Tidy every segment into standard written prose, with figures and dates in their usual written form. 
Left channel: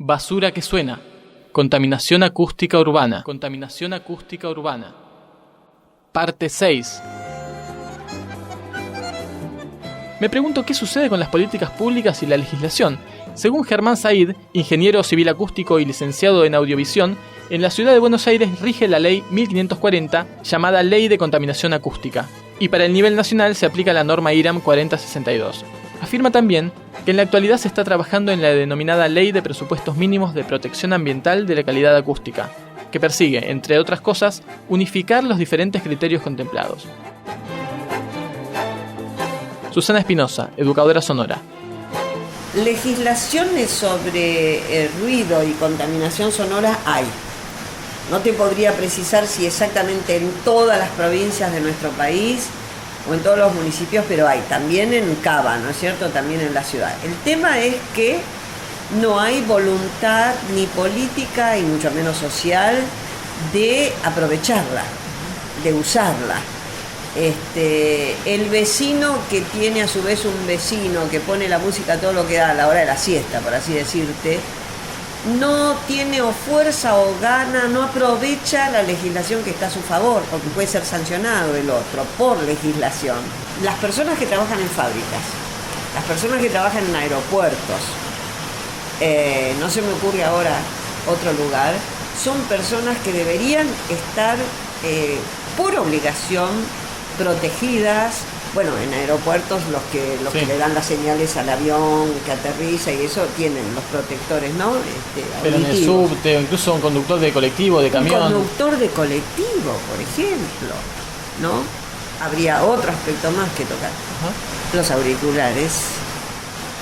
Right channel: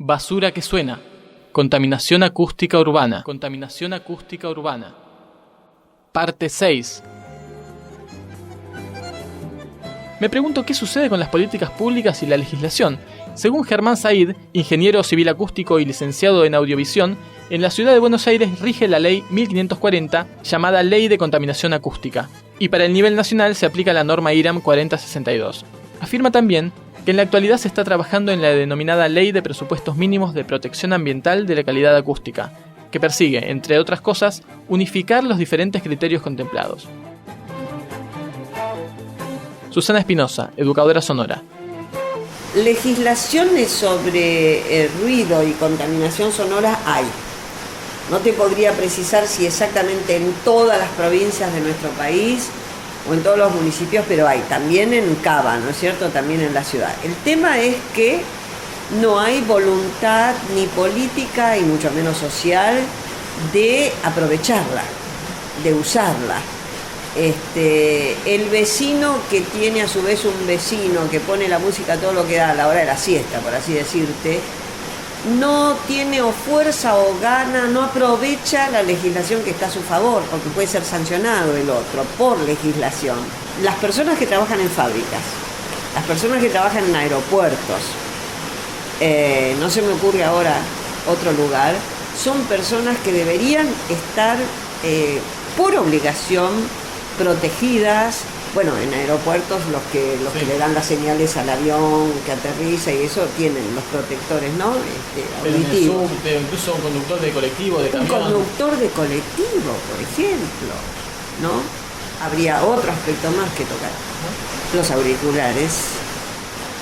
Basura que suena. Contaminación acústica urbana. Contaminación acústica urbana. Parte 6. Me pregunto qué sucede con las políticas públicas y la legislación. Según Germán Said, ingeniero civil acústico y licenciado en audiovisión, en la ciudad de Buenos Aires rige la ley 1540, llamada Ley de Contaminación Acústica, y para el nivel nacional se aplica la norma IRAM 4062. Afirma también que en la actualidad se está trabajando en la denominada Ley de Presupuestos Mínimos de Protección Ambiental de la Calidad Acústica, que persigue, entre otras cosas, unificar los diferentes criterios contemplados. Susana Espinosa, educadora sonora. Legislaciones sobre ruido y contaminación sonora hay. No te podría precisar si exactamente en todas las provincias de nuestro país o en todos los municipios, pero hay. También en Cava, ¿no es cierto? También en la ciudad. El tema es que no hay voluntad ni política y mucho menos social de aprovecharla, de usarla. El vecino que tiene a su vez un vecino que pone la música a todo lo que da a la hora de la siesta, por así decirte, no tiene o fuerza o gana, no aprovecha la legislación que está a su favor, porque puede ser sancionado el otro por legislación. Las personas que trabajan en fábricas, las personas que trabajan en aeropuertos, no se me ocurre ahora otro lugar, son personas que deberían estar por obligación protegidas. Bueno, en aeropuertos los que le dan las señales al avión que aterriza y eso tienen los protectores, ¿no? Pero en el subte, incluso un conductor de colectivo, de camión. Un conductor de colectivo, por ejemplo, ¿no? Habría otro aspecto más que tocar. Los auriculares.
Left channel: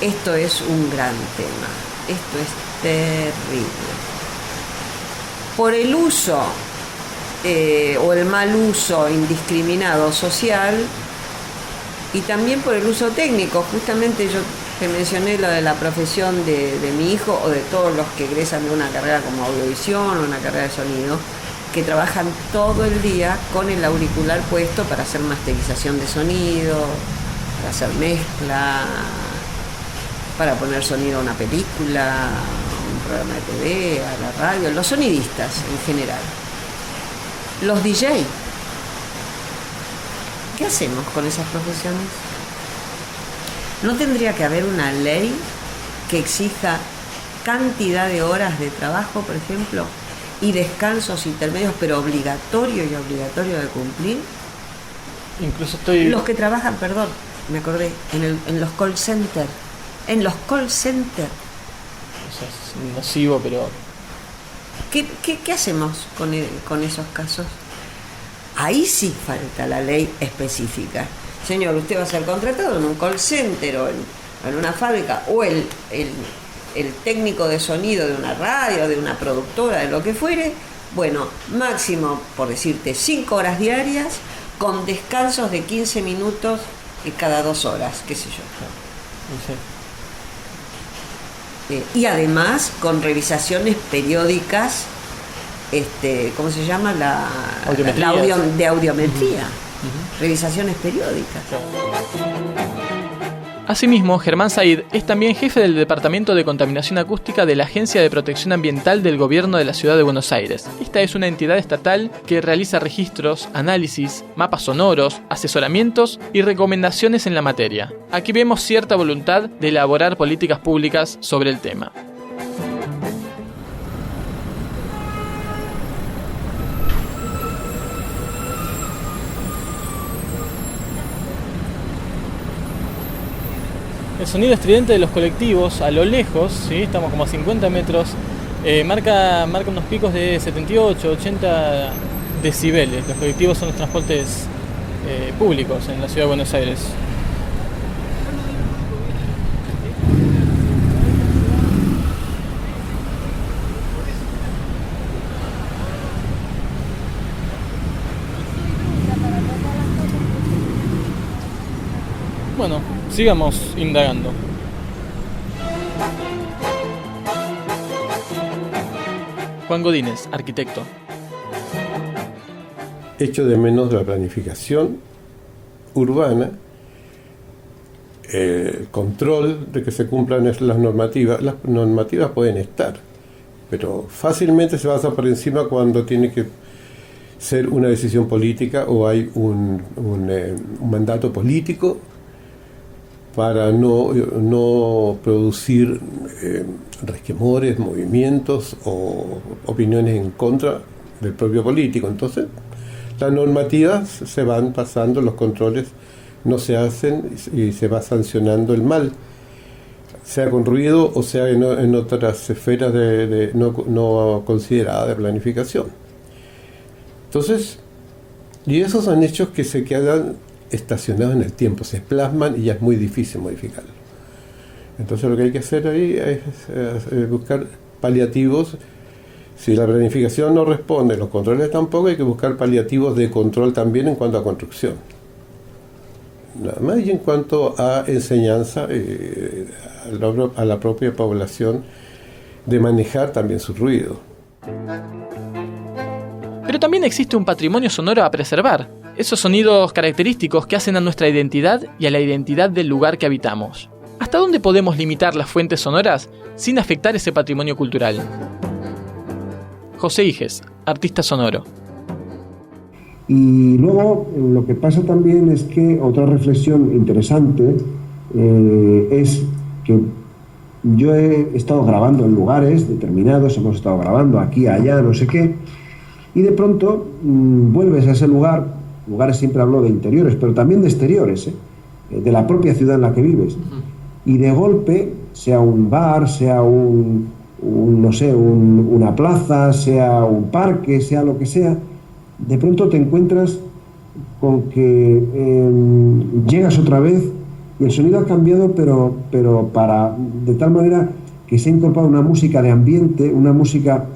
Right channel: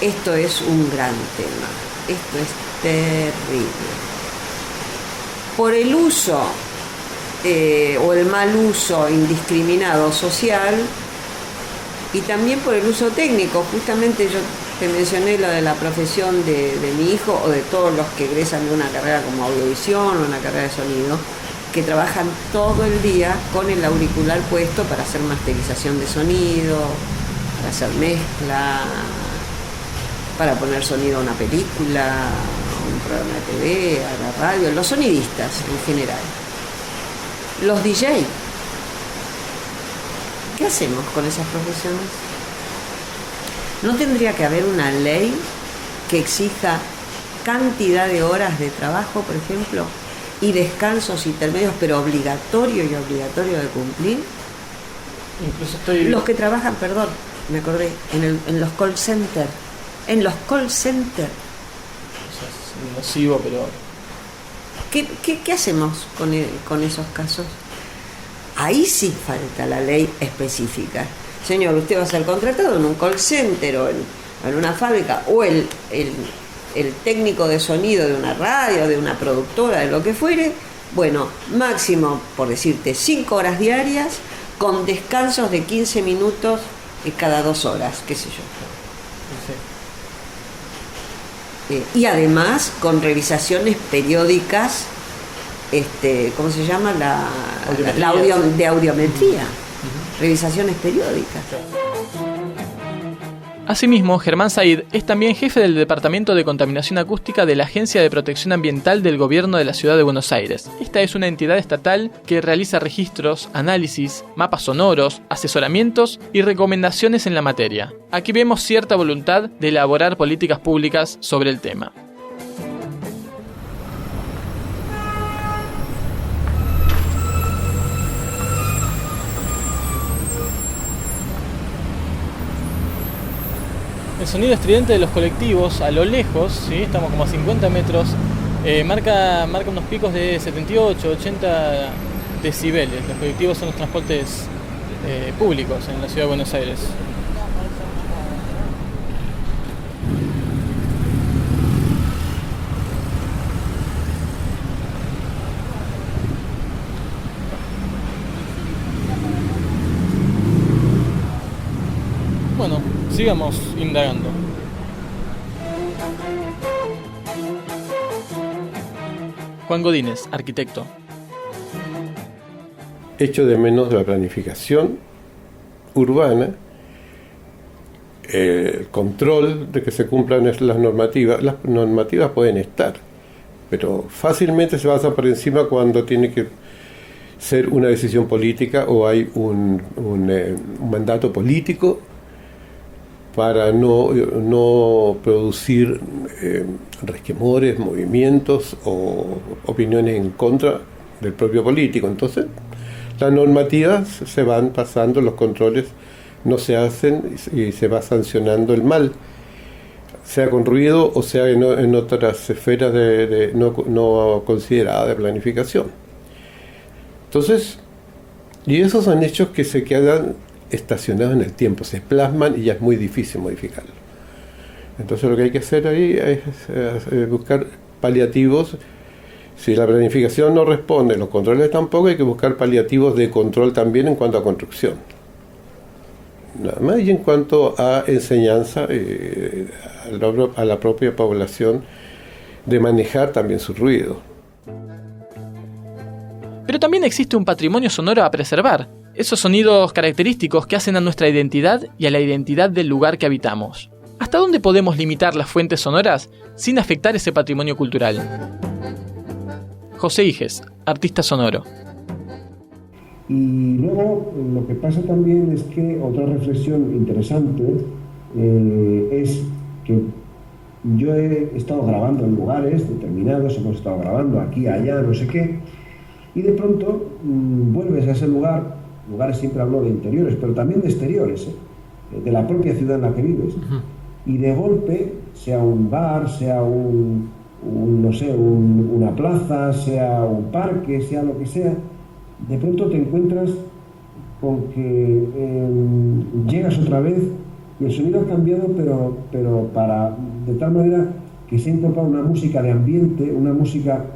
Esto es un gran tema. Esto es terrible. Por el uso o el mal uso indiscriminado social y también por el uso técnico. Justamente yo te mencioné lo de la profesión de mi hijo o de todos los que egresan de una carrera como audiovisión o una carrera de sonido, que trabajan todo el día con el auricular puesto para hacer masterización de sonido, para hacer mezcla, para poner sonido a una película, a un programa de TV, a la radio, los sonidistas en general. Los DJ. ¿Qué hacemos con esas profesiones? ¿No tendría que haber una ley que exija cantidad de horas de trabajo, por ejemplo, y descansos intermedios, pero obligatorio de cumplir? Incluso los que trabajan, me acordé, en los call centers. En los call centers. O sea, es nocivo, pero... ¿Qué hacemos con esos casos? Ahí sí falta la ley específica. Señor, usted va a ser contratado en un call center o en una fábrica, o el técnico de sonido de una radio, de una productora, de lo que fuere. Bueno, máximo, por decirte, 5 horas diarias, con descansos de 15 minutos cada 2 horas, qué sé yo. Sí. Y además con revisaciones periódicas, ¿cómo se llama? La audiometría. Revisaciones periódicas. Asimismo, Germán Said es también jefe del Departamento de Contaminación Acústica de la Agencia de Protección Ambiental del Gobierno de la Ciudad de Buenos Aires. Esta es una entidad estatal que realiza registros, análisis, mapas sonoros, asesoramientos y recomendaciones en la materia. Aquí vemos cierta voluntad de elaborar políticas públicas sobre el tema. El sonido estridente de los colectivos a lo lejos, ¿sí? Estamos como a 50 metros, marca unos picos de 78, 80 decibeles. Los colectivos son los transportes públicos en la ciudad de Buenos Aires. Bueno, sigamos indagando. Juan Godínez, arquitecto. Echo de menos la planificación urbana el control de que se cumplan las normativas pueden estar, pero fácilmente se pasa por encima cuando tiene que ser una decisión política o hay un mandato político para no producir resquemores, movimientos o opiniones en contra del propio político. Entonces, las normativas se van pasando, los controles no se hacen y se va sancionando el mal, sea con ruido o sea en otras esferas no consideradas de planificación. Entonces, y esos son hechos que se quedan estacionados en el tiempo, se plasman y ya es muy difícil modificarlo. Entonces lo que hay que hacer ahí es buscar paliativos. Si la planificación no responde, los controles tampoco, hay que buscar paliativos de control también en cuanto a construcción. Nada más, y en cuanto a enseñanza a la propia población de manejar también su ruido. Pero también existe un patrimonio sonoro a preservar, esos sonidos característicos que hacen a nuestra identidad y a la identidad del lugar que habitamos. ¿Hasta dónde podemos limitar las fuentes sonoras sin afectar ese patrimonio cultural? José Iges, artista sonoro. Y luego lo que pasa también es que otra reflexión interesante es que yo he estado grabando en lugares determinados, hemos estado grabando aquí, allá, no sé qué, y de pronto vuelves a ese lugares siempre hablo de interiores, pero también de exteriores, de la propia ciudad en la que vives. Uh-huh. Y de golpe, sea un bar, sea una plaza, sea un parque, sea lo que sea, de pronto te encuentras con que llegas otra vez y el sonido ha cambiado, pero de tal manera que se ha incorporado una música de ambiente, una música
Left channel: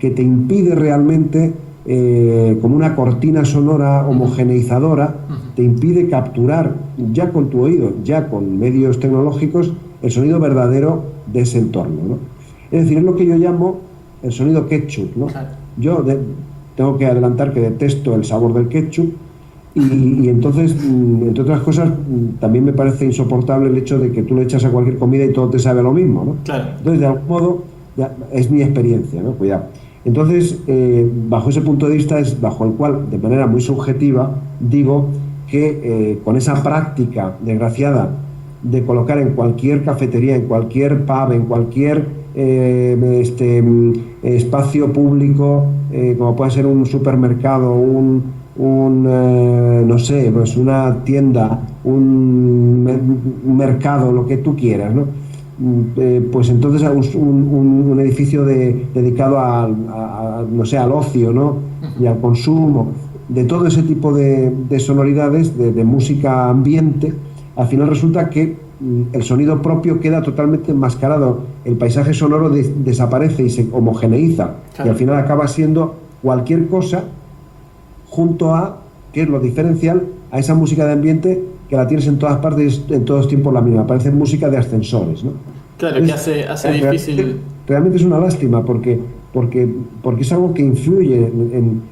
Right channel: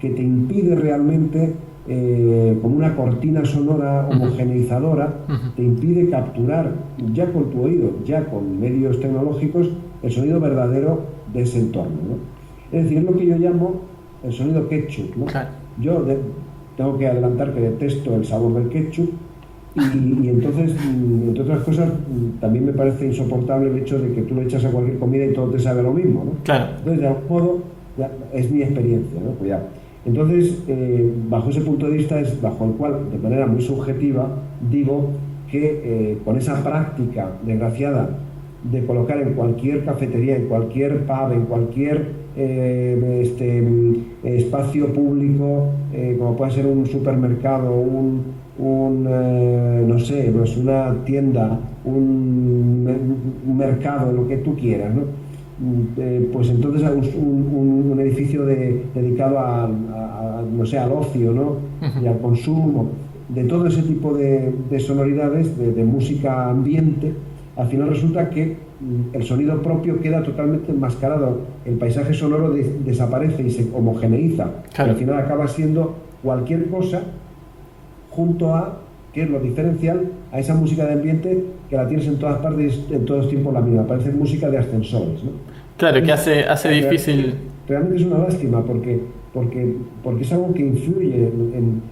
que te impide realmente, como una cortina sonora homogeneizadora, te impide capturar ya con tu oído, ya con medios tecnológicos, el sonido verdadero de ese entorno, ¿no? Es decir, es lo que yo llamo el sonido ketchup, ¿no? Claro. Yo tengo que adelantar que detesto el sabor del ketchup y entonces, entre otras cosas, también me parece insoportable el hecho de que tú le echas a cualquier comida y todo te sabe lo mismo, ¿no? Claro. Entonces, de algún modo, es mi experiencia, ¿no? Cuidado. Entonces, bajo ese punto de vista es bajo el cual, de manera muy subjetiva, digo que con esa práctica desgraciada de colocar en cualquier cafetería, en cualquier pub, en cualquier espacio público, como puede ser un supermercado, no sé, pues una tienda, un mercado, lo que tú quieras, ¿no? Pues entonces un edificio dedicado no sé, al ocio, ¿no? Y al consumo, de todo ese tipo de sonoridades, de música ambiente. Al final resulta que el sonido propio queda totalmente enmascarado, el paisaje sonoro desaparece y se homogeneiza, claro. Y al final acaba siendo cualquier cosa junto a, que es lo diferencial, a esa música de ambiente que la tienes en todas partes, en todos tiempos la misma, parece música de ascensores, ¿no? Claro, entonces, que hace difícil. Realmente es una lástima porque es algo que influye en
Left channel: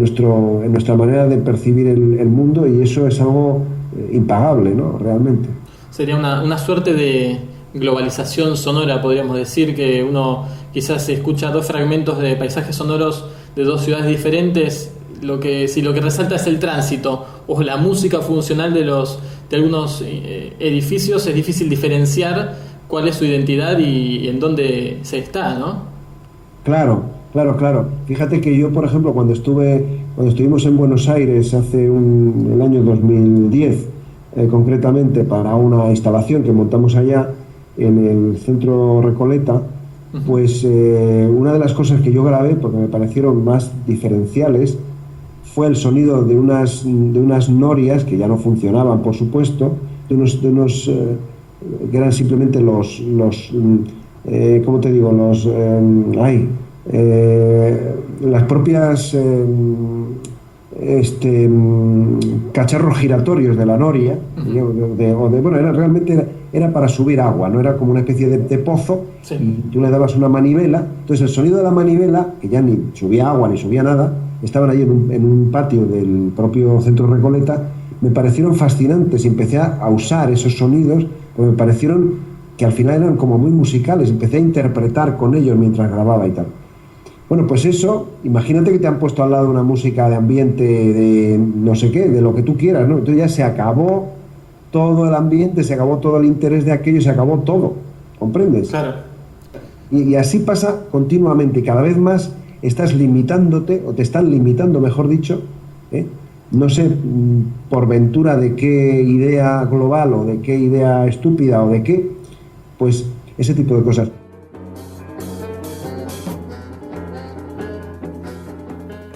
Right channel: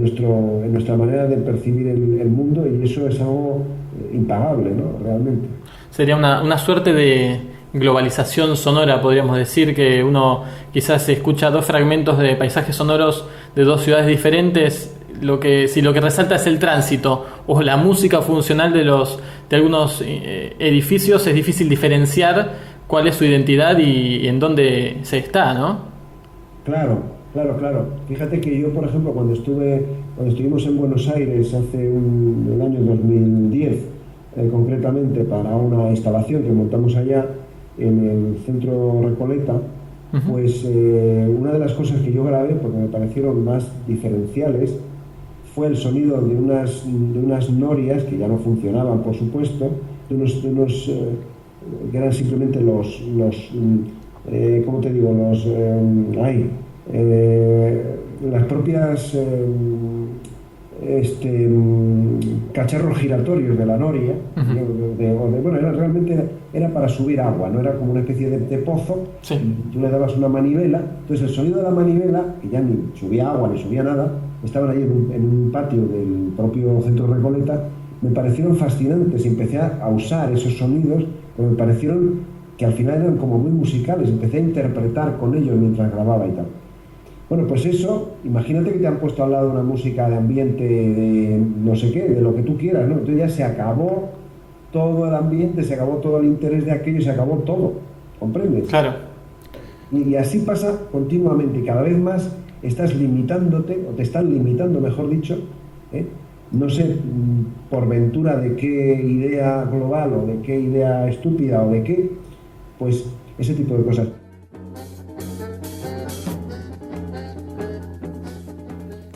nuestra manera de percibir el mundo, y eso es algo impagable, ¿no? Realmente. Sería una suerte de globalización sonora, podríamos decir, que uno quizás escucha dos fragmentos de paisajes sonoros de dos ciudades diferentes. Si lo que resalta es el tránsito o la música funcional de algunos edificios, es difícil diferenciar cuál es su identidad y en dónde se está, ¿no? Claro. Fíjate que yo, por ejemplo, cuando estuvimos en Buenos Aires el año 2010, concretamente para una instalación que montamos allá en el centro Recoleta, pues una de las cosas que yo grabé, porque me parecieron más diferenciales, fue el sonido de unas norias que ya no funcionaban, por supuesto, de unos que eran simplemente ¿cómo te digo? Las propias cacharros giratorios de la noria, realmente era para subir agua, no era como una especie de pozo, sí. Y tú le dabas una manivela, entonces el sonido de la manivela, que ya ni subía agua ni subía nada, estaban ahí en un patio del propio centro Recoleta, me parecieron fascinantes y empecé a usar esos sonidos, porque me parecieron que al final eran como muy musicales, empecé a interpretar con ellos mientras grababa y tal. Bueno, pues eso, imagínate que te han puesto al lado una música de ambiente, de no sé qué, de lo que tú quieras, ¿no? Entonces ya se acabó todo el ambiente, se acabó todo el interés de aquello, se acabó todo, ¿comprendes? Claro. Y así pasa continuamente, cada vez más estás limitándote, o te están limitando, mejor dicho, no sé por ventura de qué idea global o de qué idea estúpida o de qué, pues ese tipo de cosas.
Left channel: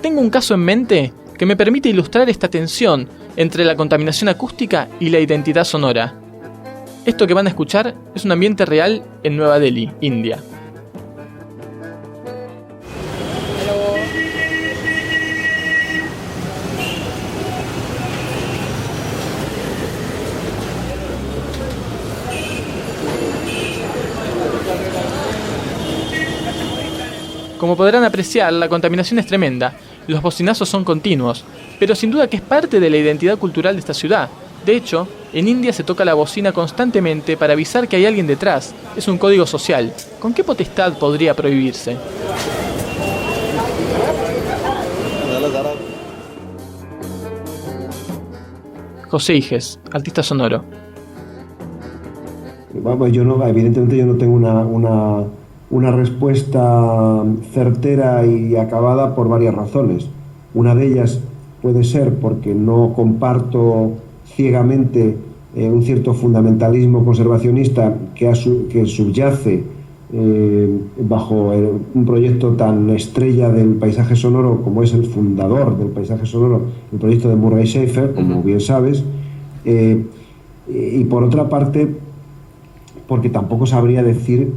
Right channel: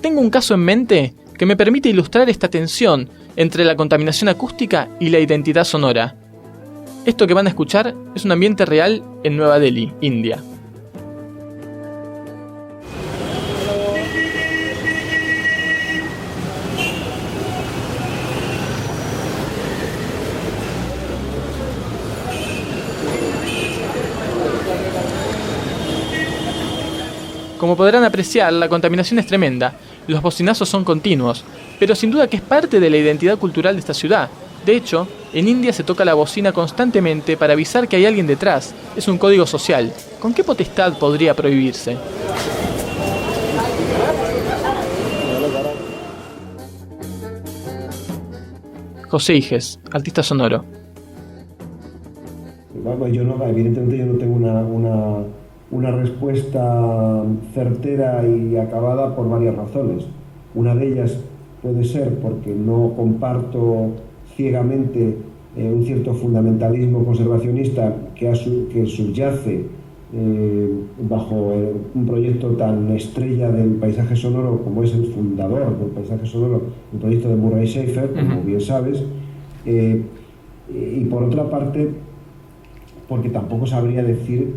Tengo un caso en mente que me permite ilustrar esta tensión entre la contaminación acústica y la identidad sonora. Esto que van a escuchar es un ambiente real en Nueva Delhi, India. Como podrán apreciar, la contaminación es tremenda, los bocinazos son continuos, pero sin duda que es parte de la identidad cultural de esta ciudad. De hecho, en India se toca la bocina constantemente para avisar que hay alguien detrás, es un código social. ¿Con qué potestad podría prohibirse? José Iges, artista sonoro. Bueno, evidentemente yo no tengo una respuesta certera y acabada por varias razones. Una de ellas puede ser porque no comparto ciegamente un cierto fundamentalismo conservacionista que subyace bajo un proyecto tan estrella del paisaje sonoro como es el fundador del paisaje sonoro, el proyecto de Murray Schafer, como bien sabes, y por otra parte porque tampoco sabría decir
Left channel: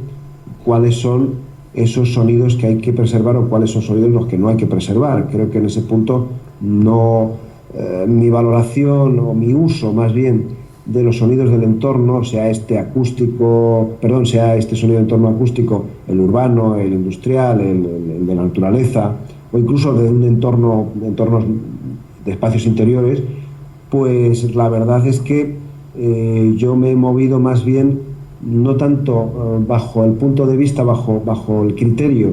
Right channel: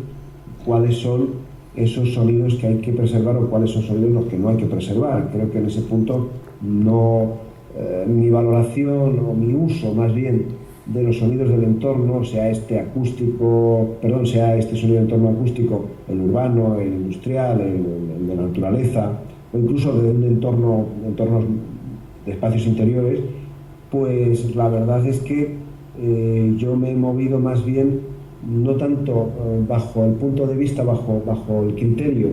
cuáles son esos sonidos que hay que preservar o cuáles son sonidos los que no hay que preservar. Creo que en ese punto mi valoración o mi uso más bien de los sonidos del entorno, sea este sonido de entorno acústico, el urbano, el industrial, el de la naturaleza, o incluso de un entornos de espacios interiores, pues la verdad es que yo me he movido más bien no tanto bajo el punto de vista, bajo el criterio,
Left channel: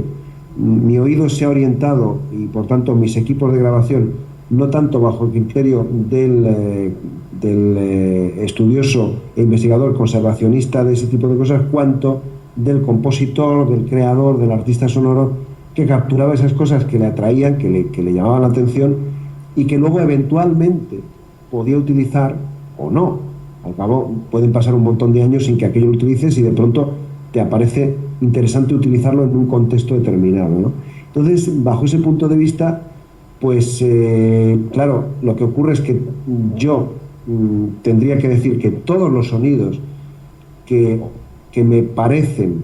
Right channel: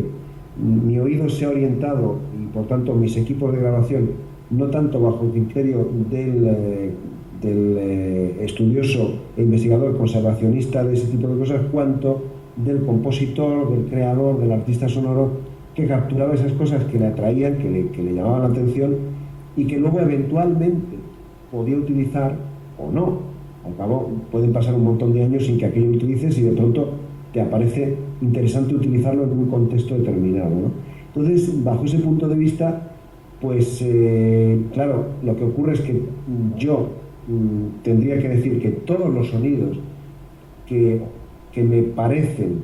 mi oído se ha orientado y por tanto mis equipos de grabación, no tanto bajo el criterio del estudioso e investigador conservacionista de ese tipo de cosas, cuanto del compositor, del creador, del artista sonoro que capturaba esas cosas que le atraían, que le llamaban la atención y que luego eventualmente podía utilizar o no. Al cabo pueden pasar un montón de años sin que aquello lo utilices y de pronto te aparece interesante utilizarlo en un contexto determinado, ¿no? Entonces, bajo ese punto de vista, pues claro, lo que ocurre es que yo tendría que decir que todos los sonidos que me parecen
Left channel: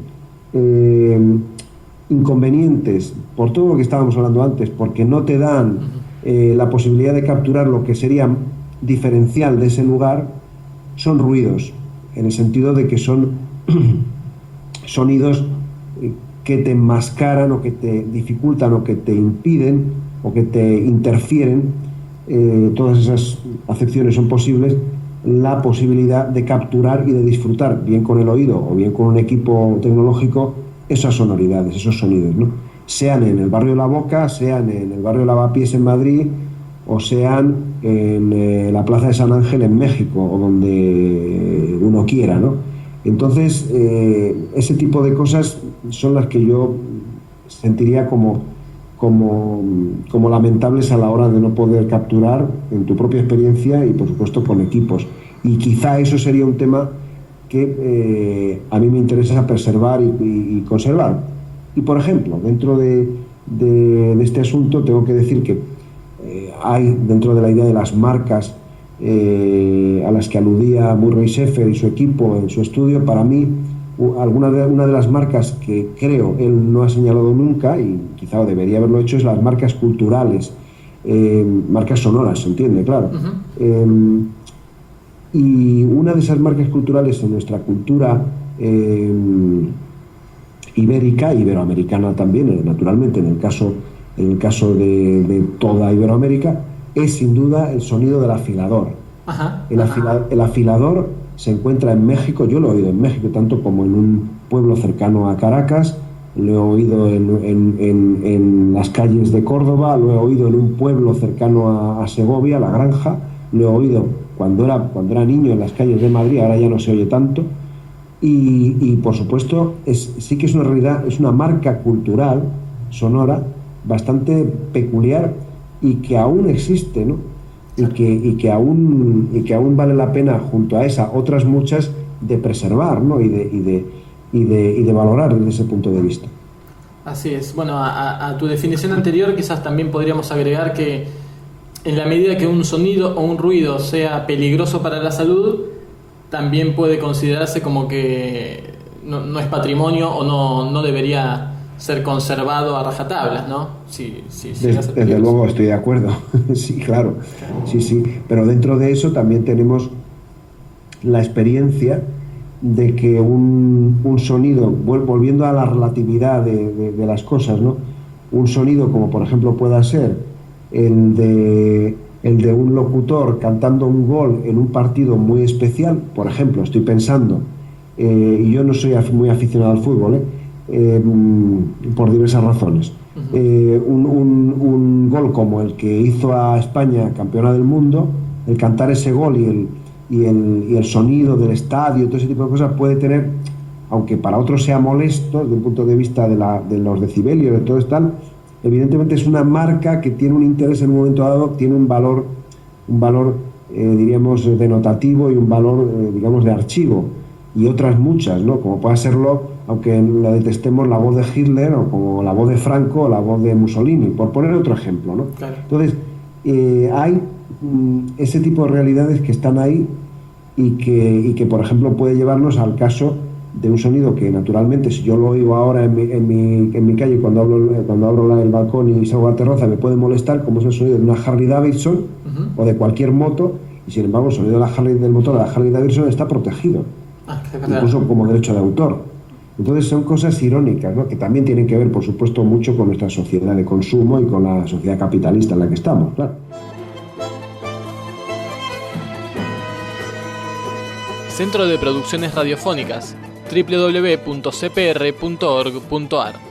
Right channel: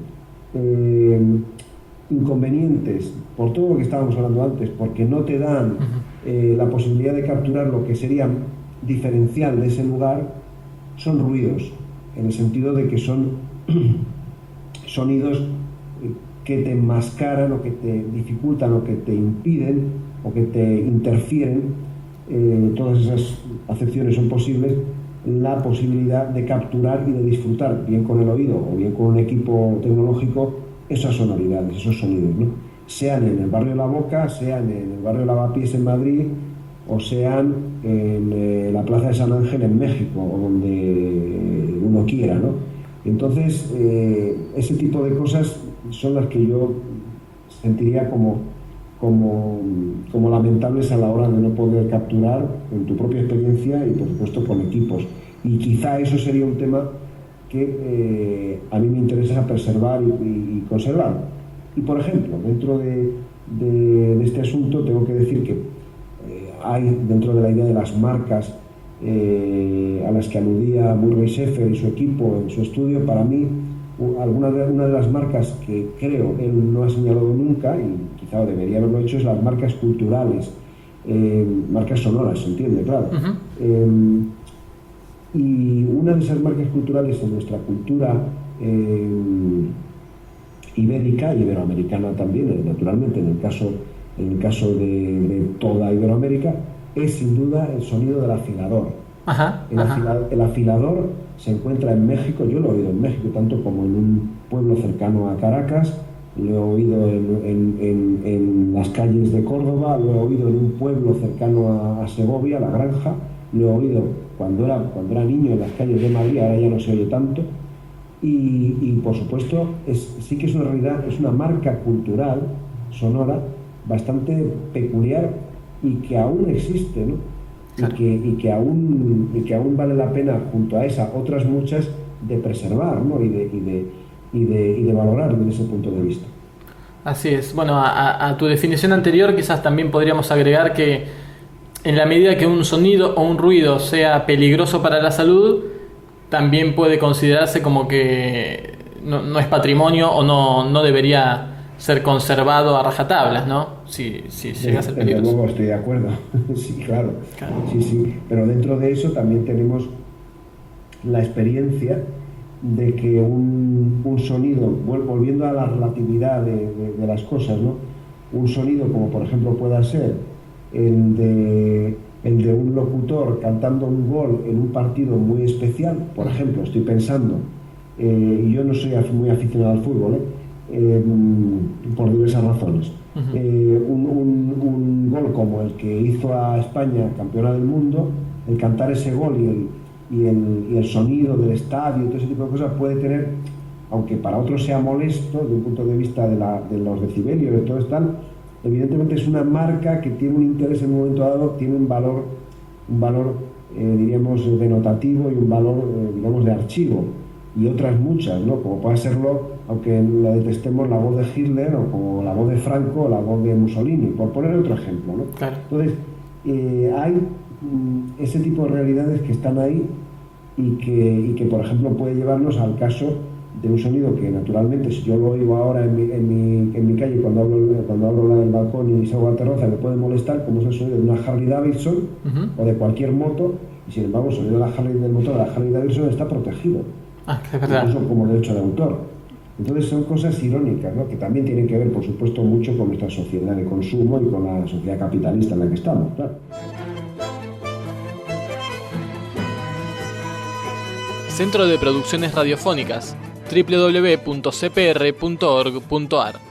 inconvenientes por todo lo que estábamos hablando antes, porque no te dan la posibilidad de capturar lo que sería diferencial de ese lugar, son ruidos, en el sentido de que son sonidos que te enmascaran o que te dificultan o que te impiden o que te interfieren, todas esas acepciones son posibles, la posibilidad de capturar y de disfrutar, bien con el oído o bien con un equipo tecnológico, esas sonoridades, esos sonidos, ¿no? Sean en el barrio La Boca, sean en el barrio Lavapiés en Madrid, o sean en la Plaza de San Ángel en México, o donde uno quiera, ¿no? Entonces, ese tipo de cosas son las que yo sentiría como lamentables a la hora de no poder capturar en tu propia experiencia y, por supuesto, con equipos. Y quizá eso sería un tema que a mí me interesa preservar y conservar. Y, por ejemplo, dentro de este asunto tengo que decir que hay dentro de la idea de las marcas a las que aludía Murray Schafer y su equipo en su estudio, para mí una de las marcas que creo él no ha señalado nunca, y quizá debería haberlo hecho, es las marcas culturales, marcas sonoras, ¿se entiende? Claro. Y una de esas marcas culturales en nuestra cultura ibérica, iberoamericana también, naturalmente, en el caso de toda Iberoamérica, es sin duda el sonido del afilador. El afilador se encuentra en México, yo lo he oído en México, tanto como en un pueblo cercano a Caracas, lo he oído en las calles de Córdoba, lo he oído en un pueblo cercano a Segovia, La Granja, lo he oído cuando era niño en las calles de Madrid, ahora ya no se oye tanto, y por supuesto sí que es una realidad, es una marca cultural sonora bastante peculiar y que aún existe, ¿no? Y que aún vale la pena, junto a esa, otras muchas, de preservar, ¿no? y de valorar desde ese punto de vista. Así es. Bueno, a tu definición anterior quizás también podríamos agregar que en la medida que un sonido o un ruido sea peligroso para la salud, también puede considerarse como que no es patrimonio o no debería ser conservado a rajatablas, ¿no? Desde luego estoy de acuerdo. Sí, claro. Sí. Pero dentro de eso también tenemos la experiencia de que un sonido, volviendo a la relatividad de las cosas, ¿no? Un sonido como por ejemplo pueda ser el de un locutor cantando un gol en un partido muy especial, por ejemplo, estoy pensando, y yo no soy muy aficionado al fútbol, por diversas razones. Un gol como el que hizo a España campeona del mundo, el cantar ese gol y el sonido del estadio, todo ese tipo de cosas puede tener, aunque para otros sea molesto desde un punto de vista de los decibelios, de todo esto, evidentemente es una marca que tiene un interés en un momento dado, tiene un valor diríamos denotativo y un valor digamos de archivo, y otras muchas, ¿no? Como puede serlo, aunque la detestemos, la voz de Hitler, o como la voz de Franco o la voz de Mussolini, por poner otro ejemplo, ¿no? Claro. Entonces hay ese tipo de realidades que están ahí y que por ejemplo puede llevarnos al caso de un sonido que naturalmente, si yo lo oigo ahora en mi calle cuando abro el balcón y salgo a la terraza, me puede molestar, como es el sonido de una Harley Davidson o de cualquier moto, y sin embargo el sonido del motor de la Harley Davidson está protegido, incluso como derecho de autor. Entonces son cosas irónicas, ¿no? Que también tienen que ver, por supuesto, mucho con nuestra sociedad de consumo y con la sociedad capitalista en la que estamos, claro. Centro de Producciones Radiofónicas, www.cpr.org.ar